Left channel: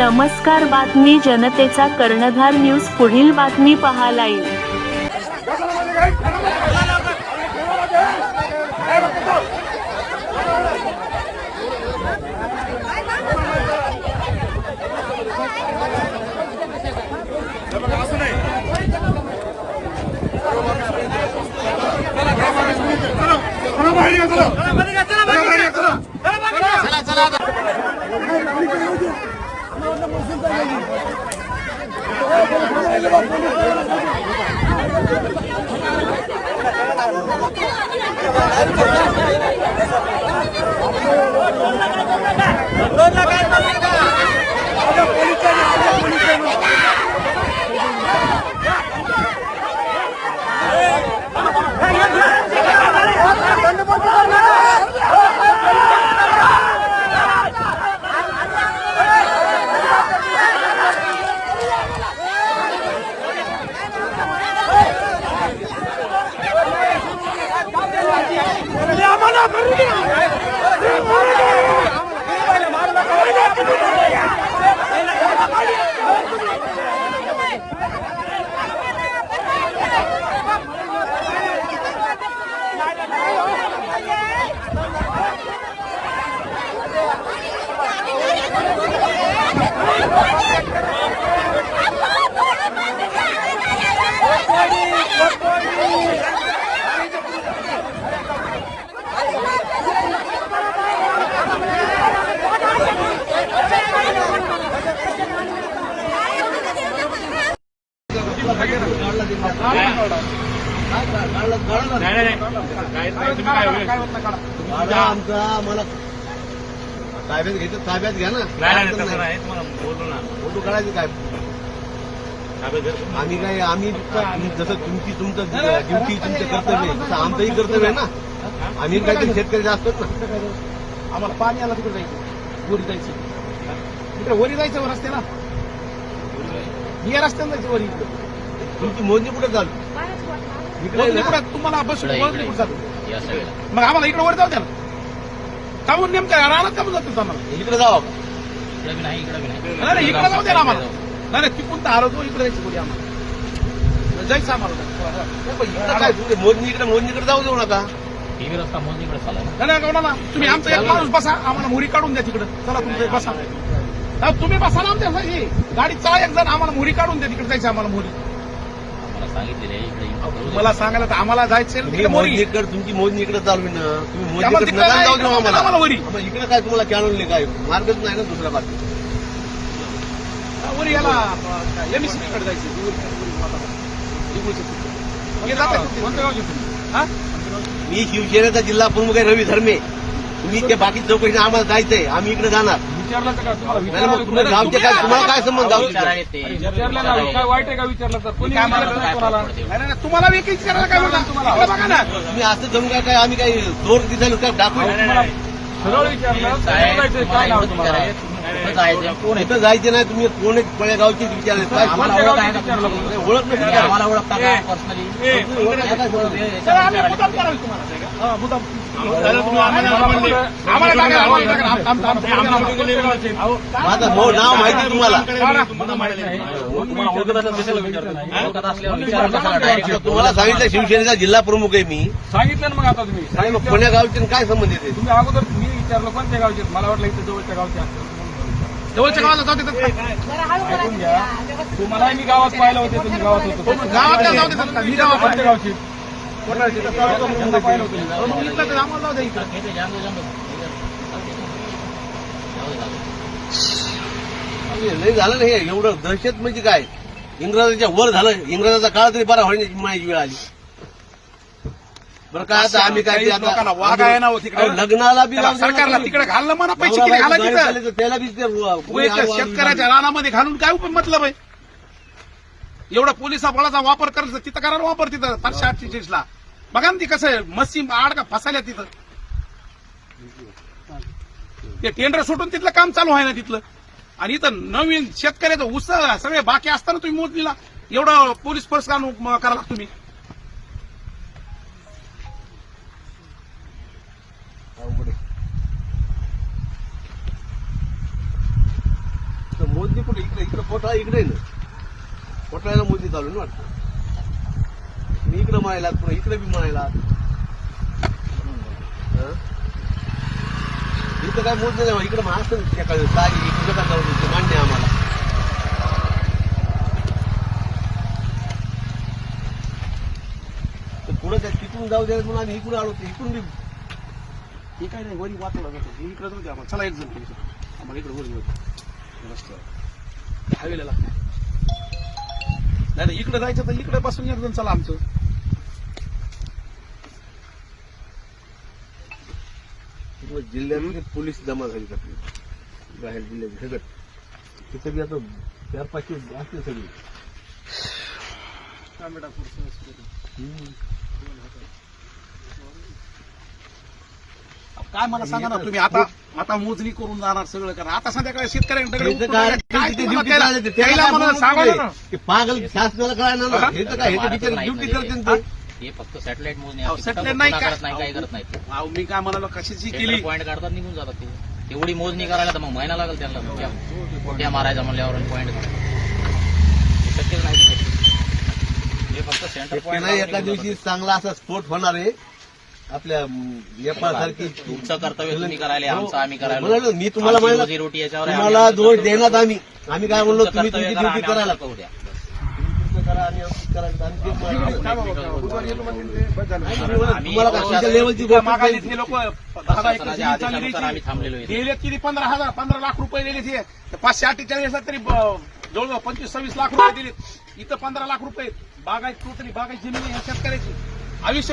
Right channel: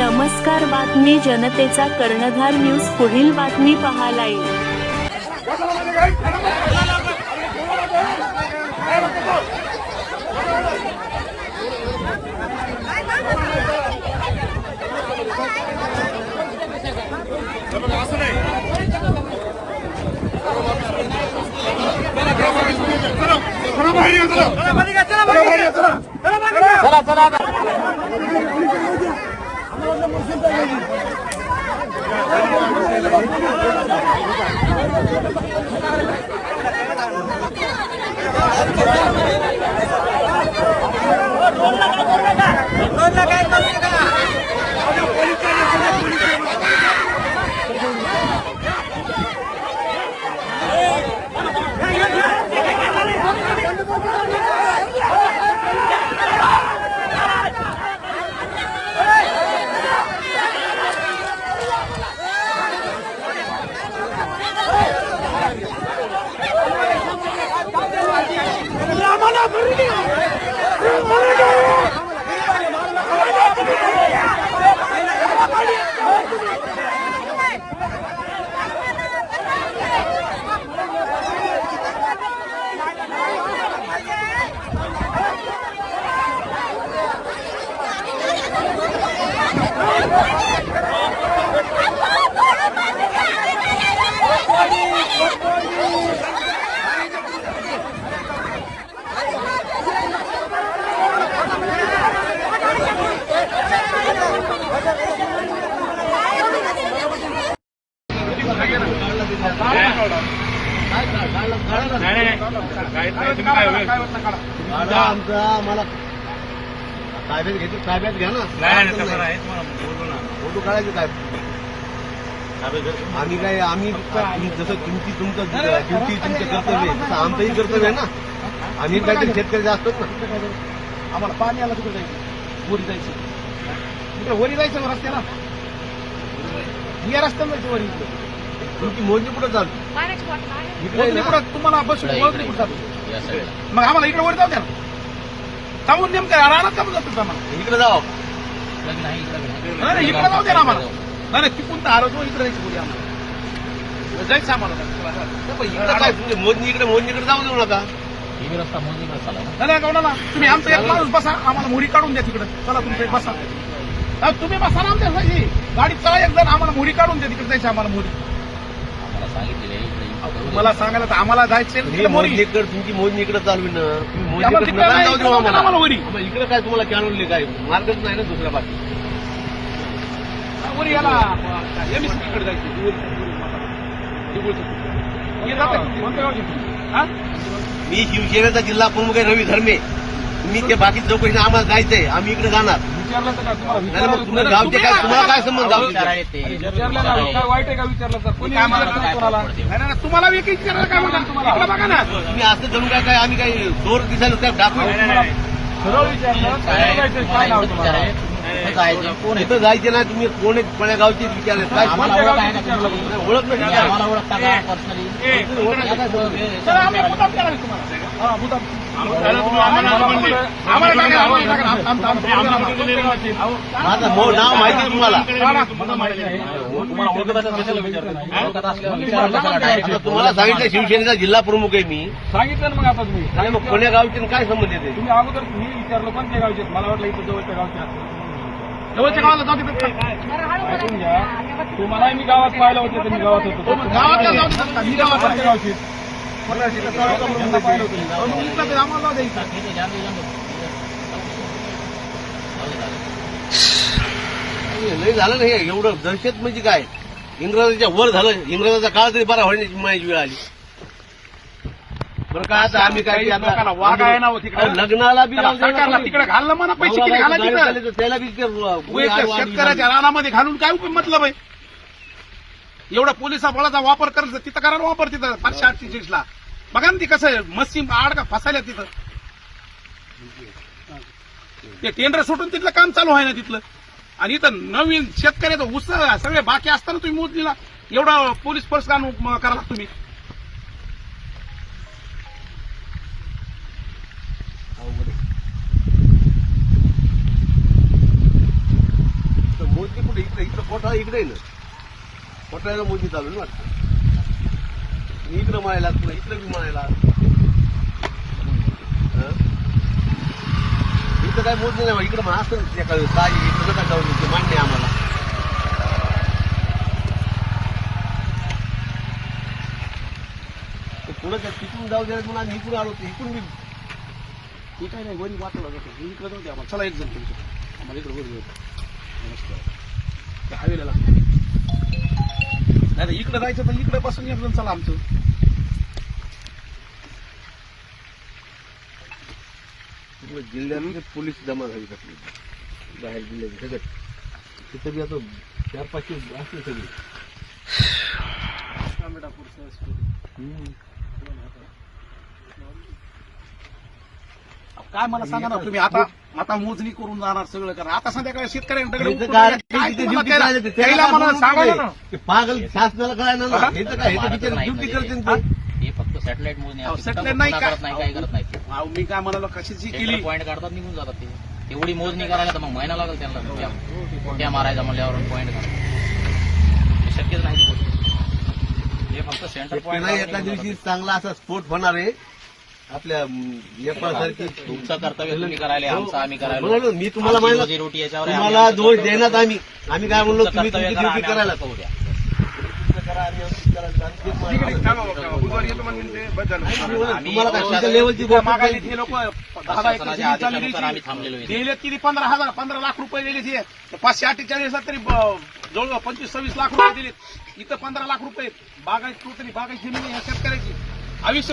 नमस्कार, बातमी जनतेचा कर्णधार न्यूज. पुढील बातमी पहा लाईव्ह. आम्हाला ताब्यात घ्यायचं, ताब्यात घ्या ना. फोटो काढायचे काय आम्ही काय आम्ही जसं तुमचं ड्युटी तुमचं कर्तव्य तसं आमचंही कर्तव्य आहे ना. आम्ही काहीतरी शेतकरी असतात ना. आम्हाला पाणी आलं तिकडे जायचं, वरी जायचं, तिकडे वरी जायचं रस्त्याला, या रस्त्याला जायचं वरी. तुमची मोजणी कुठं चालू इकडे कुठं तुम्हाला बस मोजणी कुठं चालू. मग आम्हाला इकडे वर जाऊ द्या ना. जाऊन नेमक्या राहणार का आम्हाला इकडे जाऊ इकडे जाऊ द्या ना आम्हाला. नाही तिकून तर आलो इकडे जायचं बोलू आम्हाला जायचं आम्हाला. इकडे काय तुमचे मोजणीकडे जाऊ देऊ नका. रस्ता मोजणीकडे चालला नाही कोणाला. तुम्ही आमचा एक माणूस बसा, आम्हाला मोरी काढून द्या तिकडे. चला तुमचं एक बसा, तुम्ही बसा ना आमच्या गाडी चला एक जण, आम्हाला मोरी काढून द्या तिकडे जायचं आम्हाला. मोरी मला सांगायला तर आम्हाला जायचे तुमची मोजणी इकडे चालू ना. तुम्ही आम्हाला वरी इकडे काय तुम्हाला कॅनवली काय मार्गच नाही ना दुसरा बाकी वरी याला एमएससीकडे जायचं. मी शिवसेनेचा जिल्हा प्रमुख आहे रवी धर्मे. तुम्ही ते बाकी चौकशी आम्हाला जायचंय, आम्ही इकडे जाणार. विचारलं तर तुम्ही गावचे काय तुम्हाला काय संबंध विचारलं काय वाईट आहे का विचारलं तर कोणी नाही तुम्हाला वेगळी विचारायला काय म्हणतात तुम्हाला बघा ना. तुम्ही असं जमू काय आम्ही काही जोर दिसायला काय दाखवू सरळ विचारलं काय नाव तुम्हाला कुठं जायचे नाही. तुम्ही कोण पळ्या गावचे विचारलं काय ओळख नाही आम्हाला ओळखता का पर्सनली माझं नाव माहिती तुम्हाला. तुम्हाला सांगितलं शिवसेनेचा जिल्हा प्रमुख आहे मी. सांगितलं ना मग आता तुम्ही कोण्या गावचे काय संबंध येते. तुम्ही अगोदर मी विचारलं कोणत्या गावचे. मला वाटलं इथं जवळच्या गावचे जवळच्या गावाला जाऊ. ऐकून घ्या, तुम्हाला मी गावात पाहिलं होतं. तुम्ही गावात होतो गावातल्या जाऊ मी गावात कोणत्या गावचे पाहिलं होतं. आम्हाला जाऊ द्या. लय झालं ना हे एवढं दहशत म्हणजे काय. इंग्रजाच्या वर झालं. इंग्रजाचा काळ तरी बरा होण्याची माझी वेळ आली बरं का. आता आम्ही काय वाघ आहे ना लग्नाला बी सरकारला तिकडे घालणं म्हणा. पैसे किती घालायचे त्याला बी शेतकऱ्याच्या रानामध्ये घालून काय मतलब आहे. एवढा पोलिसा बळाचा वापर करायचा तिथं करा वापर. तिथं 548 बघा ना ती कसं मच्छी आडका फसायला तिथं. ते टेंडर सुटून तिथलं काम चालू आहे ना तिथलं. आणि इथं नवीन शेतकऱ्याचं ऊस सगळे बाकी असताना तुम्ही मोजणीला एवढं पोलीस फोर्स का करा तुम्ही. मोजणी कुठे इकडे इकडे कोठाळा इकडे आहे ना, कोठाळ्याला मोजणी चालू आहे ना वाटतं. मी इकडे म्हणायला पुन्हा इकडे बी म्हणायला इथं काय मोजणी नाही, इकडे म्हणा असतं त्या काय इकडं का जाऊ ते मान्य आहे आम्हाला. पुढे तिकडून जाऊ द्या म्हणून आम्ही इकडून आलो, इकडून बी हे काय नाही वरी वाचवला जातो. मी इकडे जाऊ द्या आम्हाला. चला एक जण तुमचं आम्हाला इकडे वर घेऊ हायवेला लागतो. नाही इकडे जायचं तर इकडे पासून एक जण चला आमचं. जिल्ह्यात पोलीस जमा झाली कसली बाहेर जिल्ह्यात सगळं तिथे बी आता 4-5 असले सगळे. काय मला सांगा ना तुम्ही आता आता मोजणी करून जाणार सगळं करा. आता संध्याकाळी शेतकऱ्यांकडे हे तर उतरून काय- काय ते तुम्हाला duty त्याला- करायला ते- त्याला त्याला मला काय सांगा ना. ते पागल शासनाला काय ना हे तर काय हे तर बिचारे ड्युटी करते ते. हे फक्त सॅटेलाइट मोजणी अहो, असते. सॅटेलाइट फक्त नाही पुन्हा काय करत नाही, काही करत नाही. अहो, मी काय म्हणालो कशाची केली. पॉईंट काढतात निघून जातात ते. एवढी मोजणी करायला तर मग महिना लागेल त्यांना. कोट्या मारायचा म्हणल्यावर पॉईंट काढायचा शक्यच नाही ती गोष्ट. हे फक्त सेंटर त्याला एका दिवशी चांगला असा स्फोट होणार आहे आपल्या सारखी. तुमचं कर्तव्य तुम्ही करायला, आमचं आम्ही करायला. म्हणून मी तुम्हाला आमची म्हणलं, रोजीरोटी याच्यावर आहे. तुम्हाला आम्ही दोष आमचं देण्यात आम्ही काय म्हणलो तुमचं तुम्ही कर्तव्य तुमची करा, ड्युटी आम्ही करायला आमचं करू द्या. करा आम्ही आमची करायला. आम्ही तेच काय म्हणालो. बाबा, बुधवारी येतो म्हणजे ते बस झालं. तुम्हाला काय तुमच्या लेवलची गोष्ट मागायला नाही. हे लोक 10 प्रशासनाच्या एकर आदेशानुसार आम्ही थांबलेलो आहे. दिले किती 15 लाख रुपये दिले ते 548 तरी जवळजवळ 25-26 लाख रुपये दिले. इथं 15 लाख रुपये बागायत टोटली बागायत जमीन आहे शेतकऱ्याची. आयुष्य